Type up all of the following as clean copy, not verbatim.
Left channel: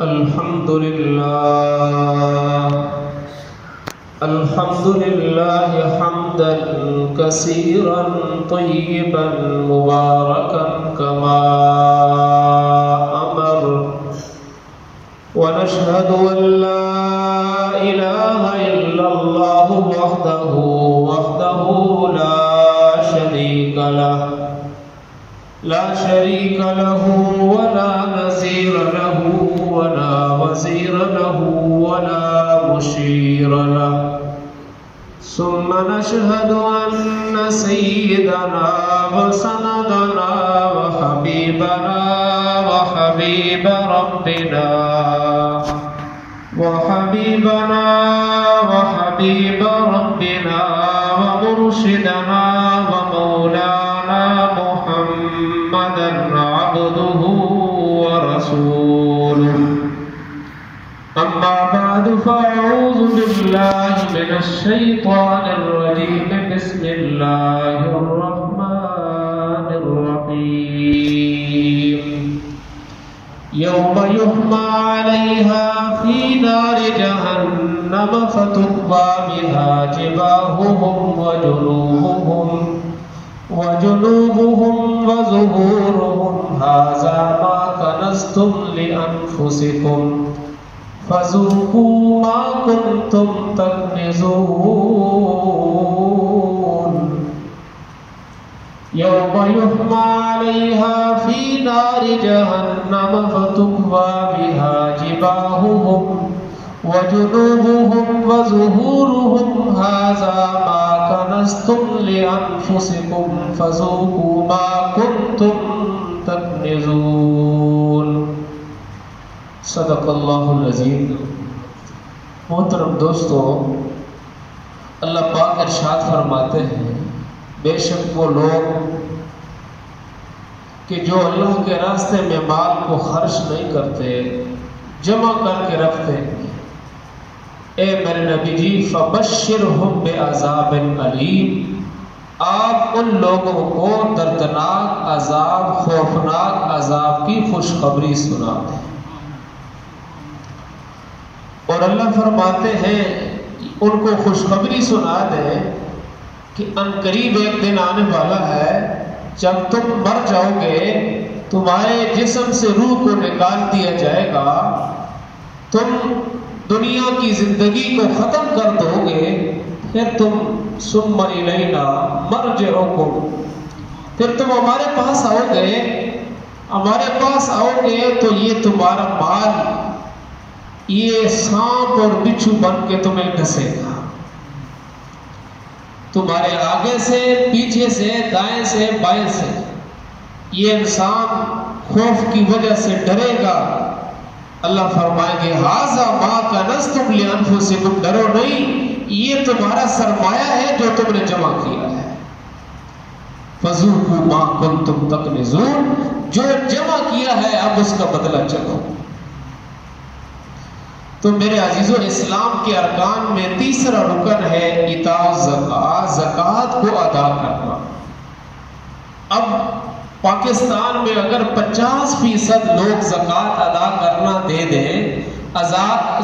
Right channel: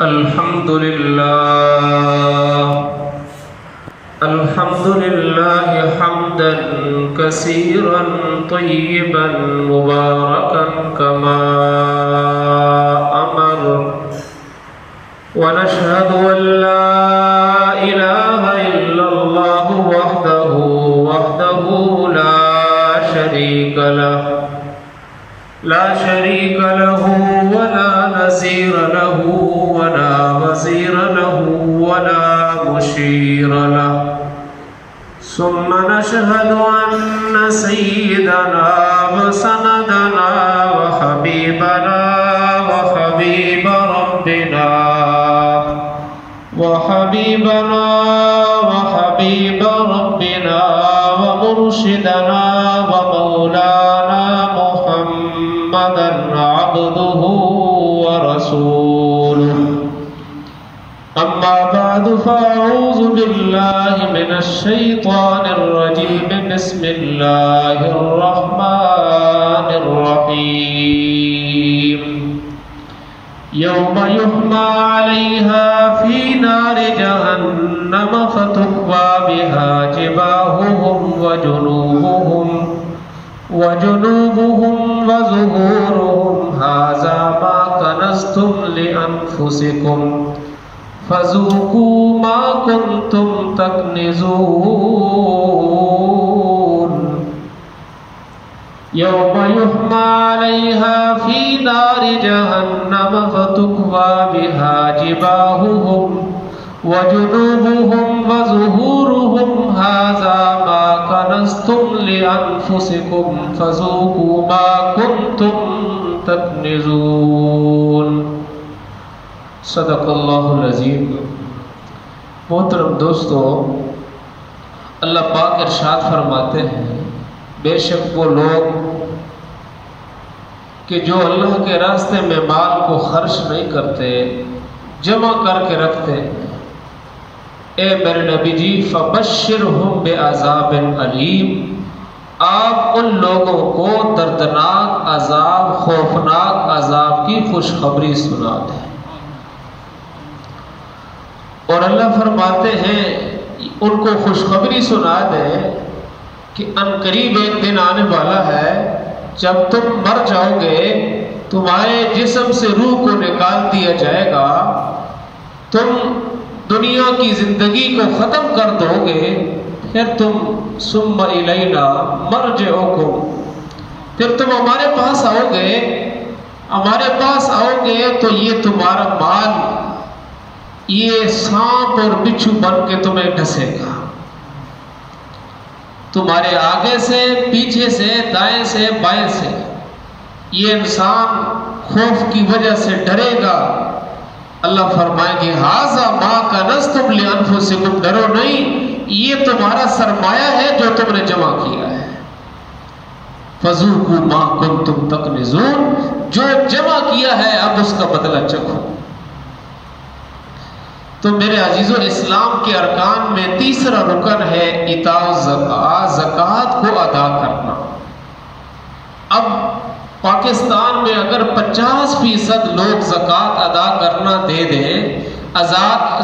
الحمد لله حمدا كثيرا طيبا مباركا كما أمر، ونشهد أن لا إله إلا الله وحده لا شريك له ولا نظير له ولا وزير له ولا مشير له. ثم نشهد أن سيدنا وسندنا وحبيبنا وحبيب ربنا ومرشدنا ومولانا محمدا عبده ورسوله. أما بعد فأعوذ بالله من الشيطان الرجيم. بسم الله الرحمن الرحيم. يوم يحمى عليها في نار جهنم فتكوى بها جباههم وجنوبهم وظهورهم هذا ما كنزتم لأنفسكم فذوقوا ما كنتم تكنزون. يوم يحمى عليها في نار جهنم فتكوى بها جباههم وجنوبهم وظهورهم هذا ما كنزتم لأنفسكم فذوقوا ما كنتم تكنزون. صدق اللہ العظیم. محترم دوستو، اللہ پاک ارشاد فرماتے ہیں بے شک وہ لوگ کہ جو اللہ کے راستے میں مال کو خرچ نہیں کرتے، جمع کر کے رکھتے، اے میرے نبی جی فبشرہم بعذاب علیم، آپ ان لوگوں کو دردناک عذاب، خوفناک عذاب کی خوشخبری سنا دیں. اور اللہ فرماتے ہیں ان کو خوشخبری سنا دیں کہ عنقریب ایک دن آنے والا ہے جب تم مر جاؤ گے، تمہارے جسم سے روح کو نکال دیا جائے گا، تم دنیا کی زندگی کو ختم کر دو گے، پھر تم ثم الینا مرجعکم، پھر تم ہمارے پاس آؤ گے تو یہ تمہارا مال یہ سانپ اور بچھو بن کے تمہیں ڈسے گا، تمہارے آگے سے، پیچھے سے، دائیں سے، بائیں سے. یہ انسان خوف کی وجہ سے ڈرے گا. اللہ فرمائیں گے ھذا ما کنزتم لانفسکم، ڈرو نہیں، یہ تمہارا سرمایہ ہے جو تم نے جمع کیا ہے. فذوقوا ما کنتم تکنزون، جو جمع کیا ہے اب اس کا بدلہ چکھو. تو میرے عزیزو، اسلام کے ارکان میں تیسرا رکن ہے ایتاء الزکوٰۃ، زکوٰۃ کو ادا کرنا. اب پاکستان میں اگر 50% لوگ زکوٰۃ ادا کرنا دے دیں،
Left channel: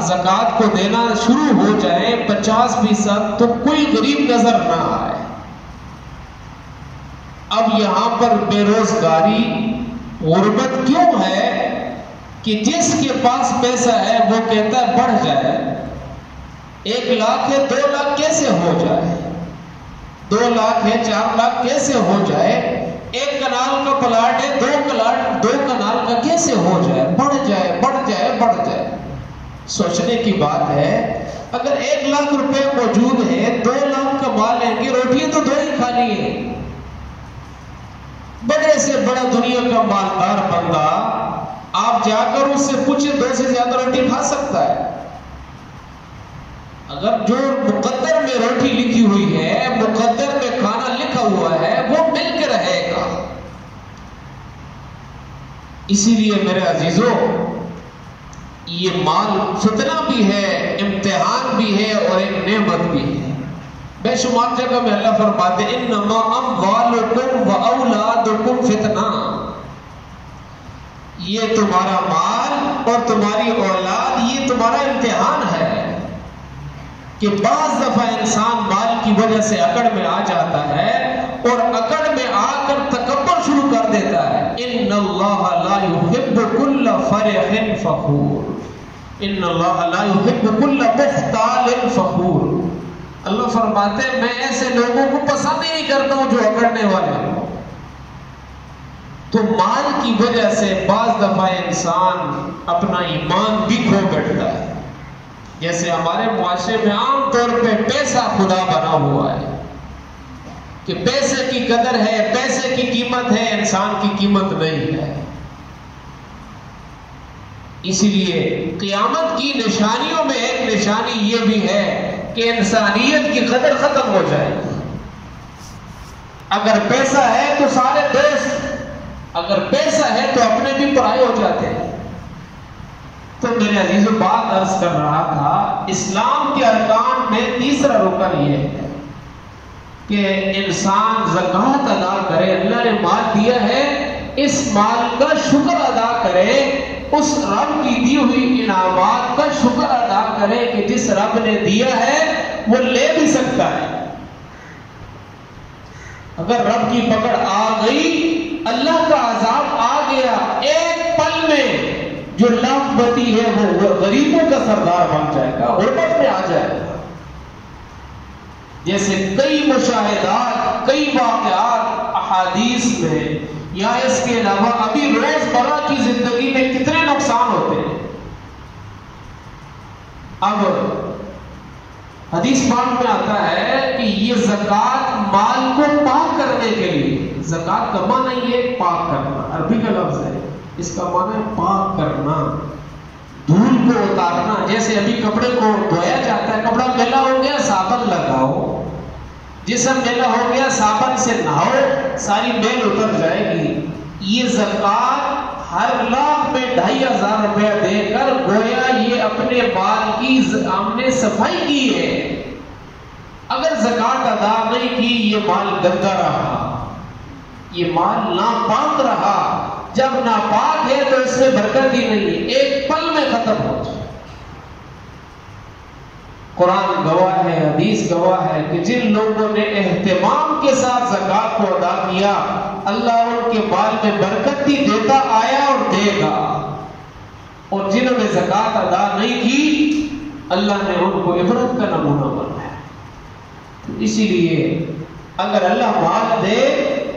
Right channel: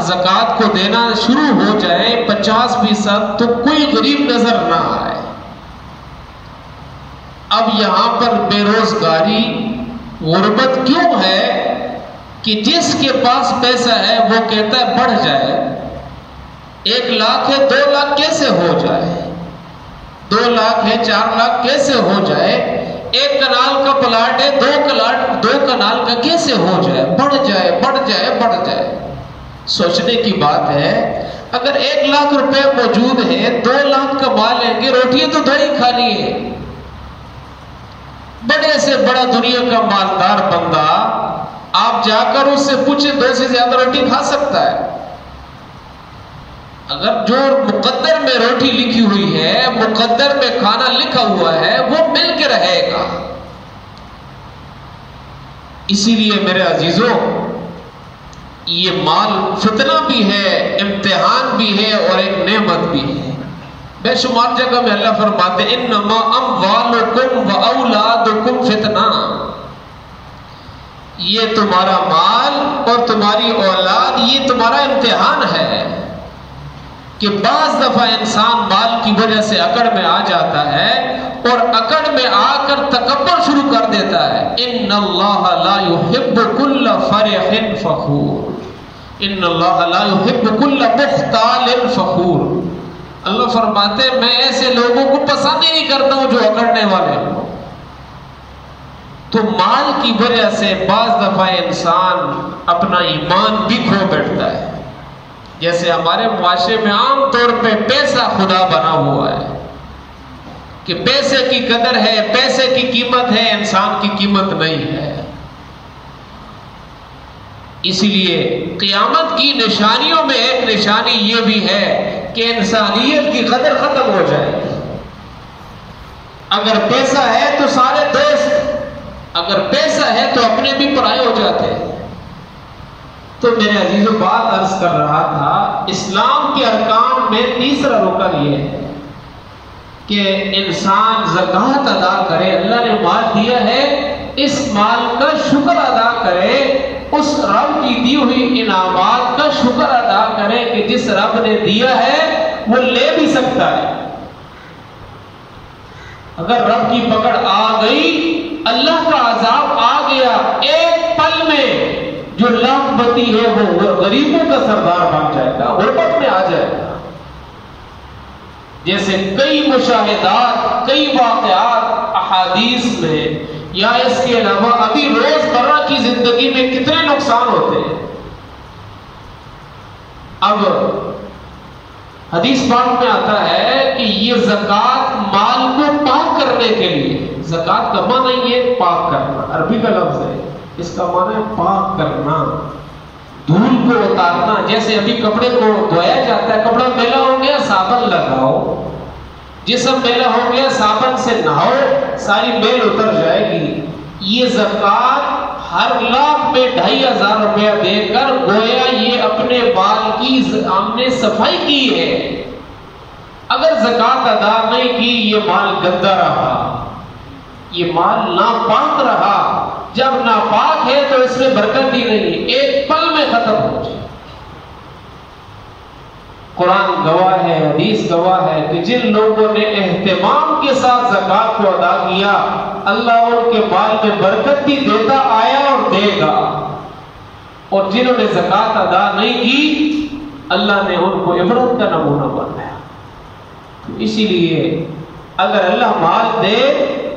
زکوٰۃ کو دینا شروع ہو جائے 50%، تو کوئی غریب نظر نہ آئے. اب یہاں پر بے روزگاری، غربت کیوں ہے کہ جس کے پاس پیسہ ہے وہ کہتا ہے بڑھ جائے، 1 لاکھ ہے 2 لاکھ کیسے ہو جائے، 2 لاکھ ہے 4 لاکھ کیسے ہو جائے، 1 کنال کا پلاٹ ہے 2 کنال کا کیسے ہو جائے، بڑھ جائے. سوچنے کی بات ہے، اگر 1 لاکھ روپے موجود ہے، 2 لاکھ کما لیں گے، روٹی تو 2 ہی کھانی ہے. بڑے سے بڑا دنیا کا مالدار بندہ آپ جا کر اس سے پوچھیں 2 سے زیادہ روٹی کھا سکتا ہے؟ اگر جو مقدر میں روٹی لکھی ہوئی ہے، مقدر میں کھانا لکھا ہوا ہے، وہ مل کے رہے گا. اسی لیے میرے عزیزو، یہ مال فتنہ بھی ہے، امتحان بھی ہے اور ایک نعمت بھی ہے. بے شمار جگہ میں اللہ فرماتے انما اموالکم و اولادکم فتنہ، یہ تمہارا مال اور تمہاری اولاد یہ تمہارا امتحان ہے کہ بعض دفعہ انسان مال کی وجہ سے اکڑ میں آ جاتا ہے اور اکڑ میں آ کر تکبر شروع کر دیتا ہے. ان اللہ لا يحب كل فرح فخور، ان اللہ لا يحب كل مختال فخور. اللہ فرماتے ہیں میں ایسے لوگوں کو پسند ہی نہیں کرتا ہوں جو اکڑنے والے ہوں. تو مال کی وجہ سے بعض دفعہ انسان اپنا ایمان بھی کھو بیٹھتا ہے. جیسے ہمارے معاشرے میں عام طور پہ پیسہ خدا بنا ہوا ہے کہ پیسے کی قدر ہے، پیسے کی قیمت ہے، انسان کی قیمت نہیں ہے. اسی لیے قیامت کی نشانیوں میں ایک نشانی یہ بھی ہے کہ انسانیت کی قدر ختم ہو جائے گی. اگر پیسہ ہے تو سارے دوست، اگر پیسہ ہے تو اپنے بھی پرائے ہو جاتے ہیں. تو میرے عزیزوں بات عرض کر رہا تھا، اسلام کے ارکان میں تیسرا رکن یہ ہے کہ انسان زکوٰۃ ادا کرے. اللہ نے مال دیا ہے، اس مال کا شکر ادا کرے، اس رب کی دی ہوئی انعامات کا شکر ادا کرے کہ جس رب نے دیا ہے وہ لے بھی سکتا ہے. اگر رب کی پکڑ آ گئی، اللہ کا عذاب آ گیا، ایک پل میں جو لاکھ بتی ہے وہ غریبوں کا سردار بن جائے گا، غربت میں آ جائے گا. جیسے کئی مشاہدات، کئی واقعات احادیث میں یا اس کے علاوہ ابھی روزمرہ کی زندگی میں کتنے نقصان ہوتے ہیں. اب حدیث پاک میں آتا ہے کہ یہ زکوٰۃ مال کو پاک کرنے کے لیے، زکوٰۃ کا معنی یہ پاک کرنا، عربی کا لفظ ہے، اس کا معنی ہے پاک کرنا، دھول کو اتارنا. جیسے ابھی کپڑے کو دھویا جاتا ہے، کپڑا میلا ہو گیا صابن لگاؤ، جسم میلا ہو گیا صابن سے نہاؤ، ساری میل اتر جائے گی. یہ زکوٰۃ ہر لاکھ میں 2500 روپیہ دے کر گویا یہ اپنے مال کی ہم نے صفائی کی ہے. اگر زکوٰۃ ادا نہیں کی یہ مال گندا رہا، یہ مال ناپاک رہا. جب ناپاک ہے تو اس میں برکت ہی نہیں ہے، ایک پل میں ختم ہو جائے. قرآن گواہ ہے، حدیث گواہ ہے کہ جن لوگوں نے اہتمام کے ساتھ زکوٰۃ کو ادا کیا، اللہ ان کے مال میں برکت بھی دیتا آیا اور دے گا. اور جنہوں نے زکوٰۃ ادا نہیں کی، اللہ نے ان کو عبرت کا نمونہ بنایا. اسی لیے اگر اللہ مال دے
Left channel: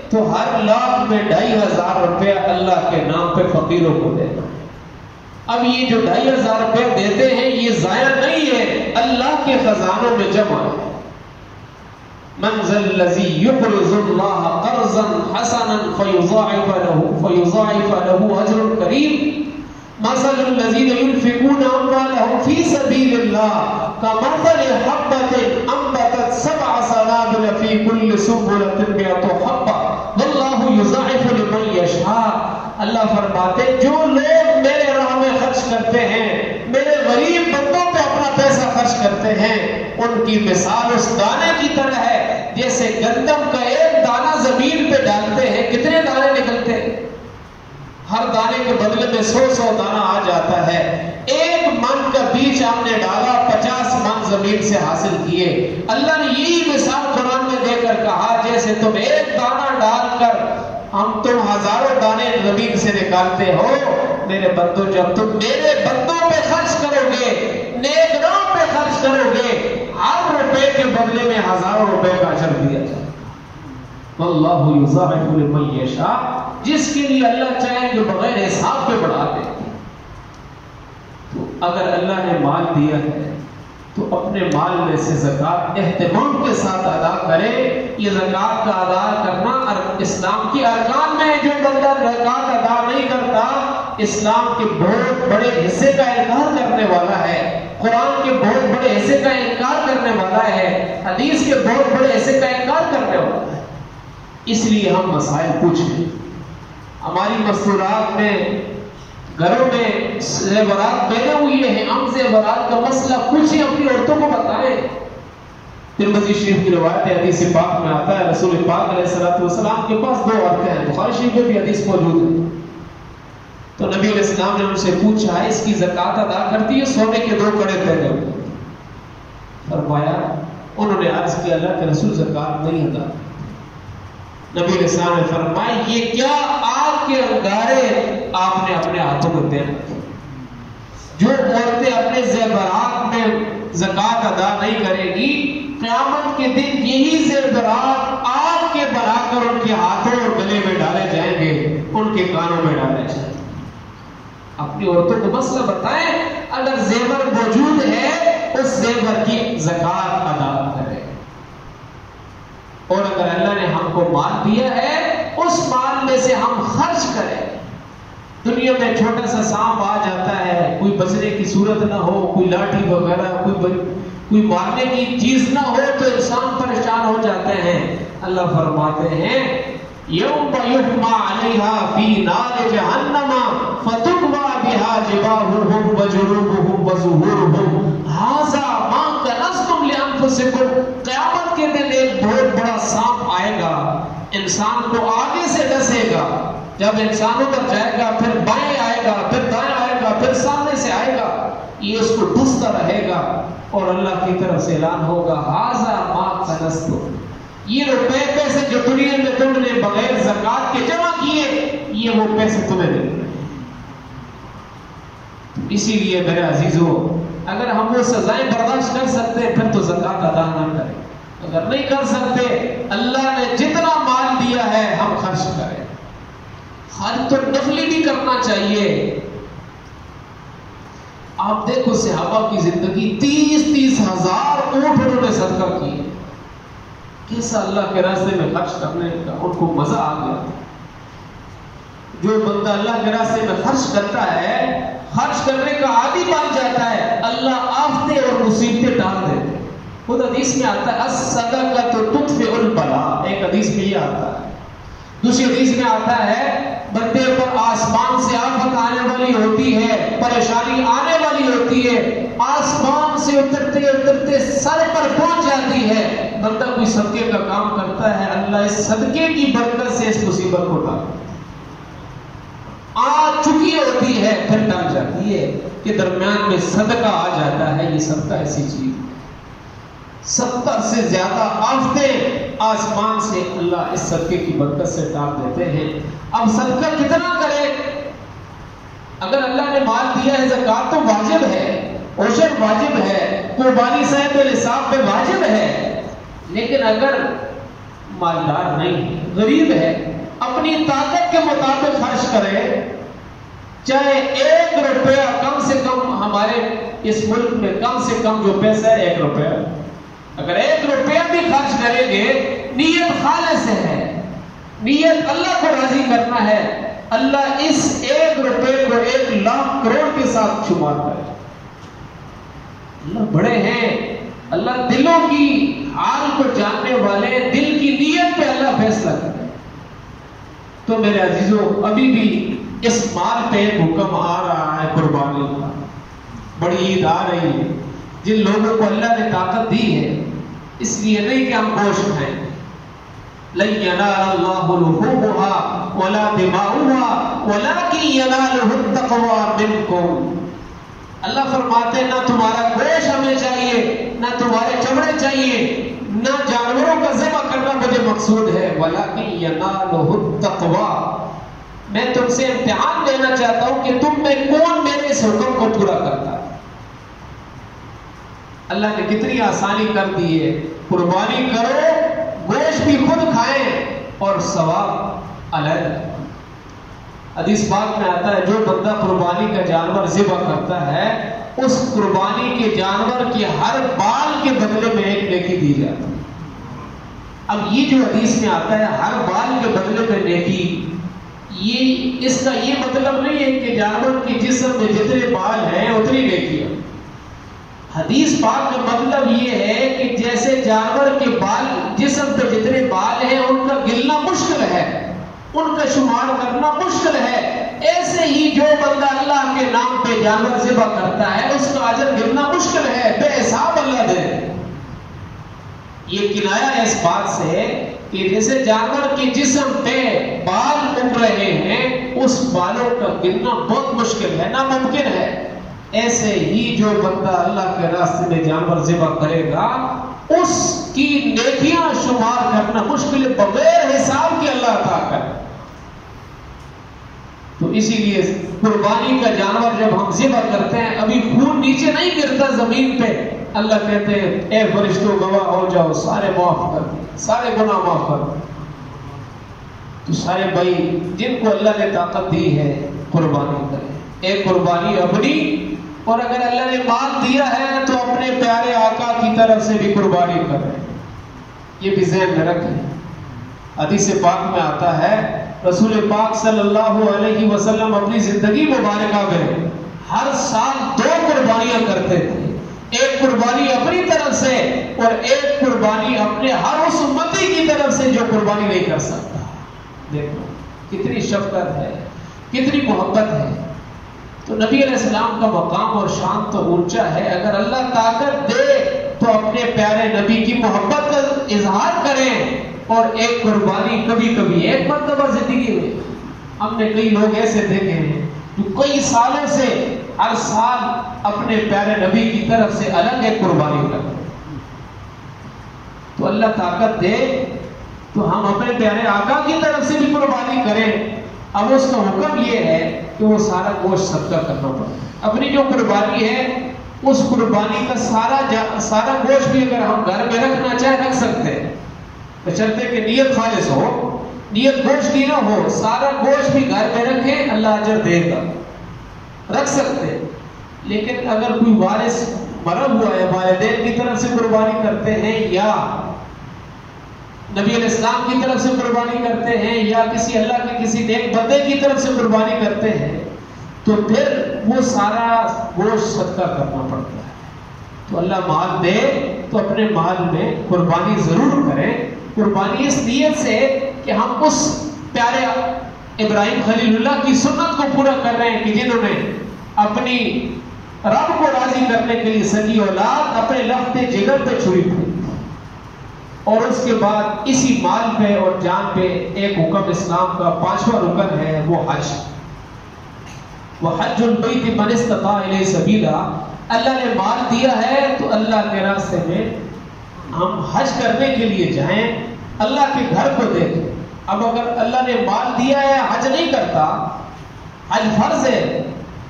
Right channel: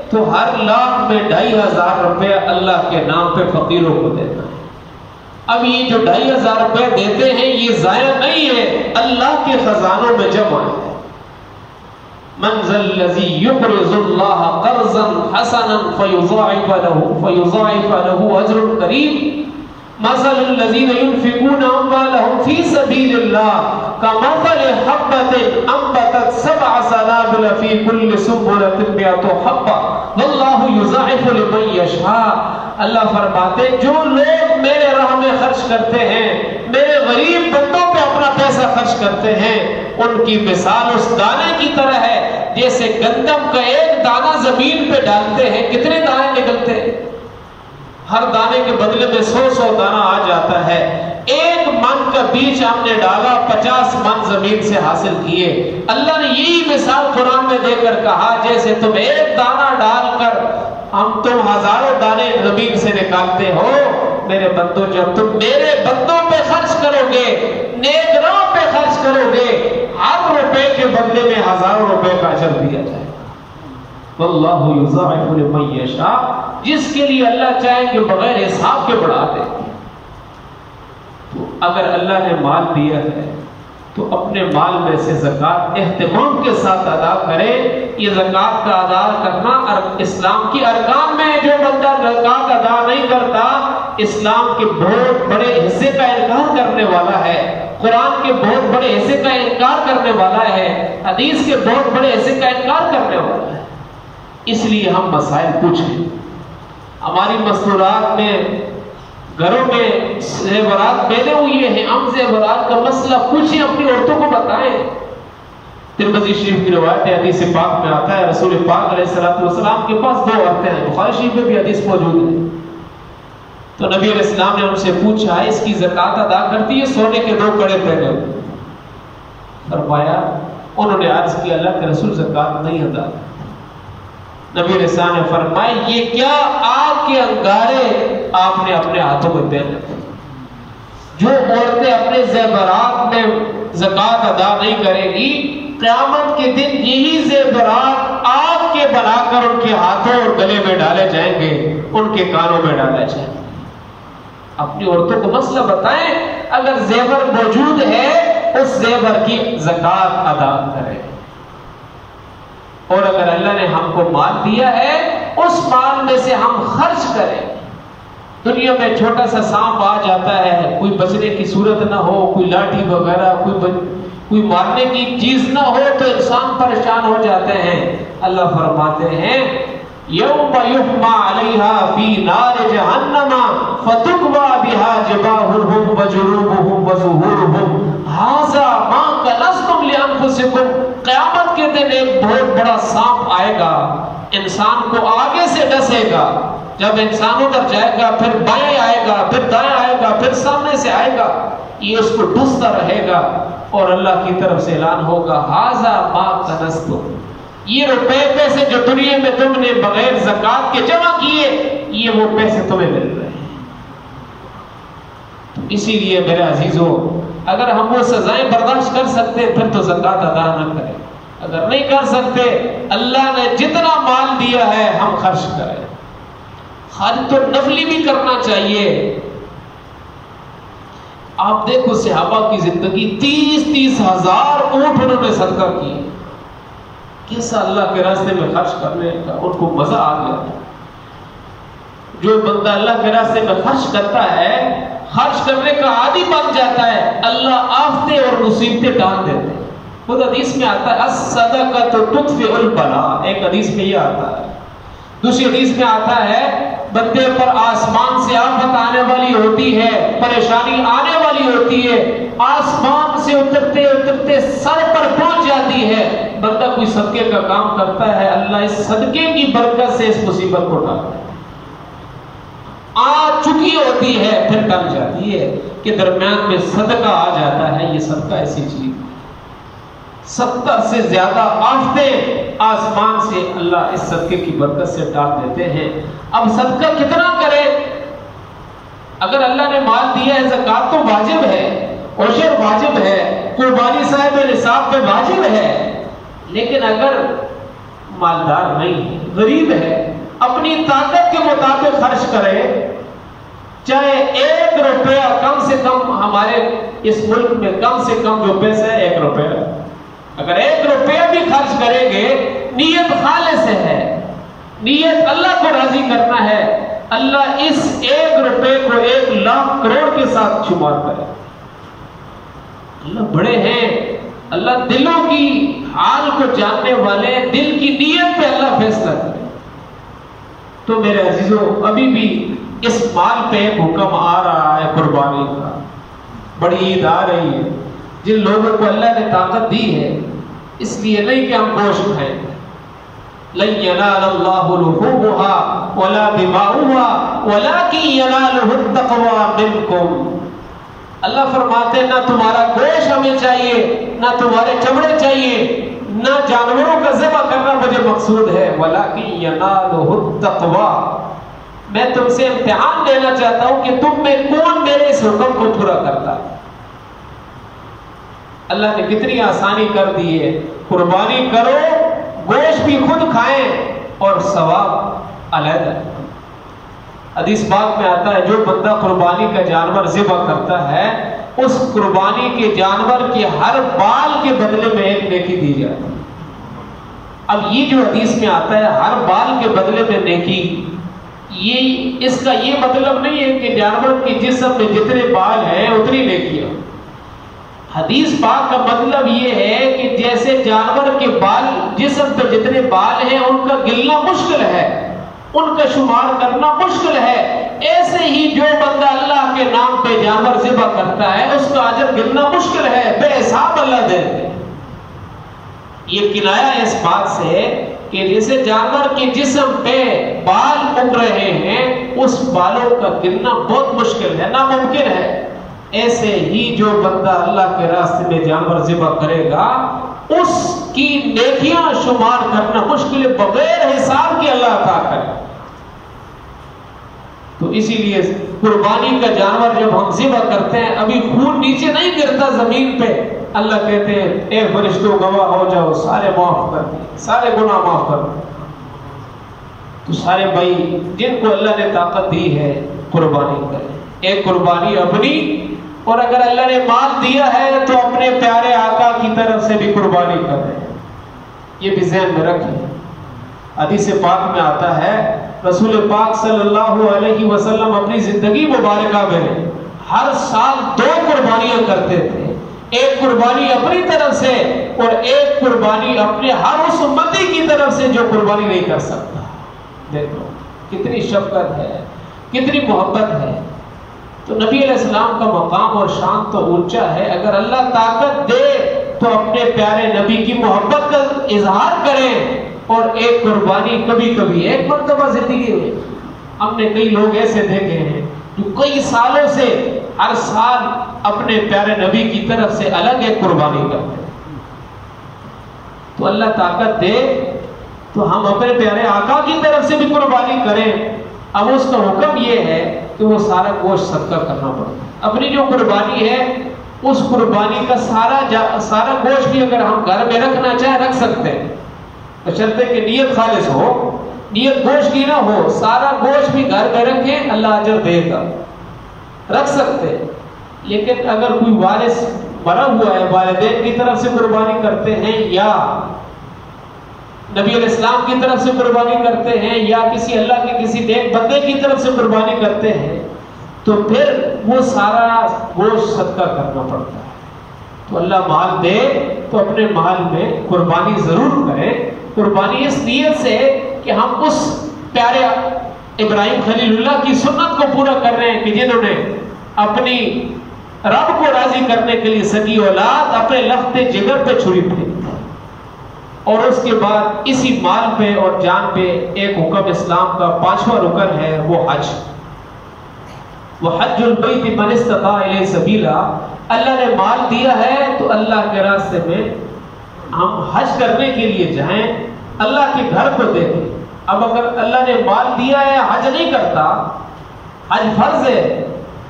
تو ہر لاکھ میں 2500 روپیہ اللہ کے نام پہ فقیروں کو دینا ہے. اب یہ جو 2500 روپے دیتے ہیں یہ ضائع نہیں ہے، اللہ کے خزانوں میں جمع ہے. من ذا الذی یقرض اللہ قرضا حسنا فیضاعف له اجر کریم. مثل الذین ينفقون اموالهم فی سبیل اللہ کمثل حبۃ انبتت 7 سنابل فی کل سنبلۃ 100 حبۃ واللہ یضاعف لمن یشاء. اللہ فرماتے جو لوگ میرے راہ میں خرچ کرتے ہیں، میرے غریب بندوں پہ اپنا پیسہ خرچ کرتے ہیں، ان کی مثال اس دانے کی طرح ہے جیسے گندم کا ایک دانہ زمین پہ ڈالتے ہیں، کتنے دانے نکلتے ہیں؟ ہر دانے کے بدلے میں 100 دانہ آ جاتا ہے. ایک من کا بیج ہم نے ڈالا، 50 من زمین سے حاصل کیے. اللہ نے یہی مثال قرآن میں دے کر کہا جیسے تم ایک دانہ ڈال کر تم ہزاروں دانے زمین سے نکالتے ہو. میرے بندوں جب تم میرے بندوں پہ خرچ کرو گے، نیک راہ پہ خرچ کرو گے، ہر روپے کے بدلے میں ہزاروں روپے کا اجر دیا جائے. واللہ یضاعف لمن یشاء، جس کے لیے اللہ چاہے کہ بغیر حساب کے بڑھا دے. تو اگر اللہ نے مال دیا ہے تو اپنے مال میں سے زکوٰۃ اہتمام کے ساتھ ادا کرے. یہ زکوٰۃ کا ادا کرنا اسلام کی ارکان میں ہے. جو بندہ زکوٰۃ ادا نہیں کرتا اسلام کے بہت بڑے حصے کا انکار کرنے والا ہے، قرآن کے بہت بڑے حصے کا انکار کرنے والا ہے، حدیث کے بہت بڑے حصے کا انکار کرنے والا ہے. اس لیے ہم مسائل پوچھیں. ہماری مستورات میں گھروں میں زیورات پہنے ہوئی ہیں، ہم زیورات کا مسئلہ پوچھیں، اپنی عورتوں کو بتائیں. ترمذی شریف کی روایت ہے، حدیث پاک میں آتا ہے رسول پاک علیہ الصلوۃ والسلام کے پاس 2 عورتیں ہیں. بخاری شریف میں بھی حدیث موجود ہے. تو نبی علیہ السلام نے ان سے پوچھا اس کی زکات ادا کرتی ہے؟ سونے کے 2 کڑے پہنے ہوئے. فرمایا انہوں نے عرض کیا اللہ کے رسول زکات نہیں ادا. نبی علیہ السلام نے فرمایا یہ کیا آگ کے انگارے آپ نے اپنے ہاتھوں میں پہن رکھے. جو عورتیں اپنے زیورات میں زکات ادا نہیں کریں گی قیامت کے دن یہی زیورات آگ کے بنا کر ان کے ہاتھوں اور گلے میں ڈالے جائیں گے, ان کے کانوں میں ڈالے جائیں گے. اپنی عورتوں کو مسئلہ بتائیں, اگر زیور موجود ہے اس زیور کی زکات ادا کرے, اور اگر اللہ نے ہم کو مال دیا ہے اس مال میں سے ہم خرچ کریں. دنیا میں چھوٹا سا سانپ آ جاتا ہے, کوئی بچنے کی صورت نہ ہو, کوئی لاٹھی وغیرہ کوئی مارنے کی چیز نہ ہو تو انسان پریشان ہو جاتے ہیں. اللہ فرماتے ہیں یوم یحما علیہا فی نار جہنم فتکوی بہا جباہہم وجنوبہم وظہورہم ھذا ما کنزتم لانفسکم. قیامت کے دن ایک بہت بڑا سانپ آئے گا, انسان کو آگے سے ڈسے گا. جب انسان ادھر جائے گا پھر بائیں آئے گا, پھر دائیں آئے گا, پھر سامنے سے آئے گا, یہ اس کو ڈستا رہے گا اور اللہ کی طرف سے اعلان ہوگا ھذا ما کنزتم. یہ روپے پیسے جو دنیا میں تم نے بغیر زکات کے جمع کیے یہ وہ پیسے تمہیں مل رہے ہیں. اسی لیے میرے عزیزو اگر ہم وہ سزائیں برداشت کر سکتے پھر تو زکات ادا نہ کریں. اگر نہیں کر سکتے اللہ نے جتنا مال دیا ہے ہم خرچ کریں. خرچ تو نفلی بھی کرنا چاہیے. آپ دیکھو صحابہ کی زندگی 30 ہزار اونٹ انہوں نے صدقہ کیے. کیسا اللہ کے راستے میں خرچ کرنے کا ان کو مزہ آ گیا. جو بندہ اللہ کے راستے میں خرچ کرتا ہے خرچ کرنے کا عادی بن جاتا ہے, اللہ آفتیں اور مصیبتیں ڈال دیتے ہیں. خود حدیث میں آتا ہے الصدقۃ تطفئ البلاء, ایک حدیث میں یہ آتا ہے. دوسری حدیث میں آتا ہے بندے پر آسمان سے آفت آنے والی ہوتی ہے, پریشانی آنے والی ہوتی ہے, آسمان سے اترتے اترتے سر پر پہنچ جاتی ہے, بندہ کوئی صدقے کا کام کرتا ہے اللہ اس صدقے کی برکت سے اس مصیبت کو ٹال دیتا ہے. آ چکی ہوتی ہے پھر ٹل جاتی ہے کہ درمیان میں صدقہ آ جاتا ہے. یہ صدقہ ایسی چیز 70 سے زیادہ آفتیں آسمان سے اللہ اس صدقے کی برکت سے ٹال دیتے ہیں. اب صدقہ کتنا کرے؟ اگر اللہ نے مال دیا ہے زکات تو واجب ہے, عشر واجب ہے, قربانی صاحب نصاب پہ واجب ہے. لیکن اگر مالدار نہیں ہے, غریب ہے, اپنی طاقت کے مطابق خرچ کرے. چاہے 1 روپیہ کم سے کم, ہمارے اس ملک میں کم سے کم جو پیسہ ہے 1 روپیہ, اگر 1 روپیہ بھی خرچ کریں گے نیت خالص ہے, نیت اللہ کو راضی کرنا ہے, اللہ اس 1 روپے کو 1 لاکھ کروڑ کے ساتھ شمار کرے. اللہ بڑے ہیں, اللہ دلوں کی حال کو جاننے والے, دل کی نیت پہ اللہ فیصلہ کرے. تو میرے عزیزو ابھی بھی اس مال پہ ایک حکم آ رہا ہے قربانی کا. بڑی عید آ رہی ہے, جن لوگوں کو اللہ نے طاقت دی ہے اس لیے نہیں کہ ہم گوشت کھائیں. لن ينال الله لحومها ولا دماؤها ولكن يناله التقوى منكم. اللہ فرماتے ہیں نہ تمہارا گوشت ہمیں چاہیے, نہ تمہارے چمڑے چاہیے, نہ جانوروں کا ذبح کرنا مجھے مقصود ہے. ولكن يناله التقوى. میں تم سے امتحان لینا چاہتا ہوں کہ تم میں کون میرے اس حکم کو پورا کرتا ہے. اللہ نے کتنی آسانی کر دی ہے, قربانی کرو, گوشت بھی خود کھائیں اور ثواب علیحدہ. حدیث پاک میں آتا ہے جو بندہ قربانی کا جانور ذبح کرتا ہے اس قربانی کے جانور کے ہر بال کے بدلے میں 1 نیکی دی جاتی ہے. اب یہ جو حدیث میں آتا ہے ہر بال کے بدلے میں نیکی, یہ اس کا یہ مطلب نہیں ہے کہ جانور کے جسم میں جتنے بال ہیں اتنی نیکیاں. حدیث پاک کا مطلب یہ ہے کہ جیسے جانور کے بال, جسم پہ جتنے بال ہیں ان کا گننا مشکل ہے, ان کا شمار کرنا مشکل ہے, ایسے ہی جو بندہ اللہ کے نام پہ جانور ذبح کرتا ہے اس کا اجر گننا مشکل ہے, بے حساب اللہ دے. یہ کنایا ہے اس بات سے کہ جیسے جانور کے جسم پہ بال اگ رہے ہیں اس بالوں کا گننا بہت مشکل ہے، ناممکن ہے، ایسے ہی جو بندہ اللہ کے راستے میں جانور ذبح کرے گا اس کی نیکیاں شمار کرنا مشکل ہے، بغیر حساب کے اللہ عطا کرے۔ تو اسی لیے قربانی کا جانور جب ہم ذبح کرتے ہیں ابھی خون نیچے نہیں گرتا زمین پہ، اللہ کہتے ہیں اے فرشتوں گواہ ہو جاؤ، سارے معاف کر دیں، سارے گناہ معاف کر دیں۔ تو سارے بھائی جن کو اللہ نے طاقت دی ہے قربانی کریں، ایک قربانی اپنی، اور اگر اللہ نے مال دیا ہے تو اپنے پیارے آقا کی طرف سے بھی قربانی کریں، یہ بھی ذہن میں رکھیں۔ حدیث پاک میں آتا ہے رسول پاک صلی اللہ علیہ وسلم اپنی زندگی مبارکہ میں ہر سال 2 قربانیاں کرتے تھے، ایک قربانی اپنی طرف سے اور ایک قربانی اپنے ہر اس امتی کی طرف سے جو قربانی نہیں کر سکتا۔ دیکھو کتنی شفقت ہے، کتنی محبت ہے۔ تو نبی علیہ السلام کا مقام اور شان تو اونچا ہے، اگر اللہ طاقت دے تو اپنے پیارے نبی کی محبت کا اظہار کریں اور ایک قربانی کبھی کبھی ایک مرتبہ زندگی میں۔ ہم نے کئی لوگ ایسے دیکھے ہیں جو کئی سالوں سے ہر سال اپنے پیارے نبی کی طرف سے الگ ایک قربانی کرتے ہیں۔ تو اللہ طاقت دے تو ہم اپنے پیارے آقا کی طرف سے بھی قربانی کریں۔ اب اس کا حکم یہ ہے کہ وہ سارا گوشت صدقہ کرنا پڑتا ہے۔ اپنی جو قربانی ہے اس قربانی کا سارا گوشت بھی اگر ہم گھر میں رکھنا چاہیں رکھ سکتے ہیں، بشرطے کہ نیت خالص ہو، نیت گوشت کی نہ ہو، سارا گوشت بھی گھر میں رکھیں، اللہ اجر دے گا، رکھ سکتے ہیں۔ لیکن اگر کوئی وارث مرا ہوا ہے، والدین کی طرف سے قربانی کرتے ہیں یا نبی علیہ السلام کی طرف سے قربانی کرتے ہیں یا کسی اللہ کے کسی نیک بندے کی طرف سے قربانی کرتے ہیں تو پھر وہ سارا گوشت صدقہ کرنا پڑتا ہے۔ تو اللہ مال دے تو اپنے مال میں قربانی ضرور کریں، قربانی اس نیت سے کہ ہم اس پیارے ابراہیم خلیل اللہ کی سنت کو پورا کر رہے ہیں کہ جنہوں نے اپنی رب کو راضی کرنے کے لیے سگی اولاد اپنے لخت جگر پہ چھری پھینکی، اور اس کے بعد اسی مال پہ اور جان پہ ایک حکم اسلام کا 5واں رکن ہے وہ حج۔ وہ حج البیت من استطاع الیہ سبیلا، اللہ نے مال دیا ہے تو اللہ کے راستے میں ہم حج کرنے کے لیے جائیں، اللہ کے گھر کو دیکھیں۔ اب اگر اللہ نے مال دیا ہے حج نہیں کرتا، حج فرض ہے،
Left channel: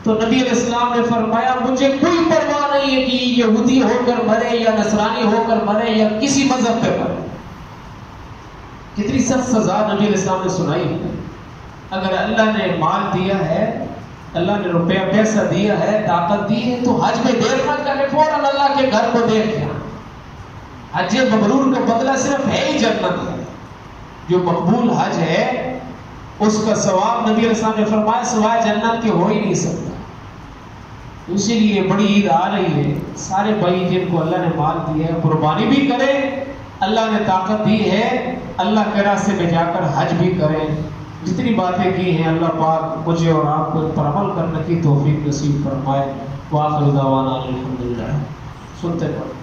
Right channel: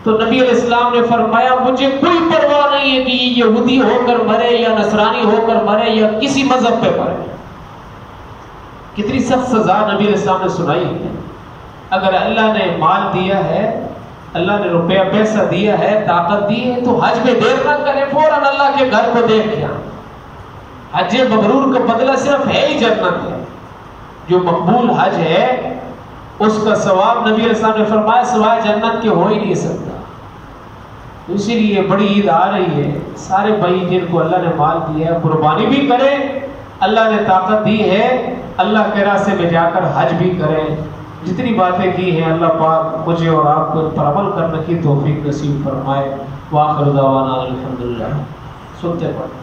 تو نبی علیہ السلام نے فرمایا مجھے کوئی پرواہ نہیں ہے کہ یہ یہودی ہو کر مرے یا نصرانی ہو کر مرے یا کسی مذہب پہ مرے۔ کتنی سخت سزا نبی علیہ السلام نے سنائی ہے۔ اگر اللہ نے مال دیا ہے، اللہ نے روپیہ پیسہ دیا ہے، طاقت دی ہے، تو حج میں دیر نہ کریں، فوراً اللہ کے گھر کو دیکھ کے حج مبرور کا بدلہ صرف ہے ہی جنت ہے۔ جو مقبول حج ہے اس کا ثواب نبی علیہ السلام نے فرمایا سوائے جنت کے ہو ہی نہیں سکتا۔ اسی لیے بڑی عید آ رہی ہے، سارے بھائی جن کو اللہ نے مال دیا ہے قربانی بھی کریں، اللہ نے طاقت دی ہے اللہ کے راستے میں جا کر حج بھی کریں۔ جتنی باتیں کی ہیں اللہ پاک مجھے اور آپ کو ان پر عمل کرنے کی توفیق نصیب فرمائے۔ وآخر دعوانا الحمدللہ۔ سنتے پڑھیں۔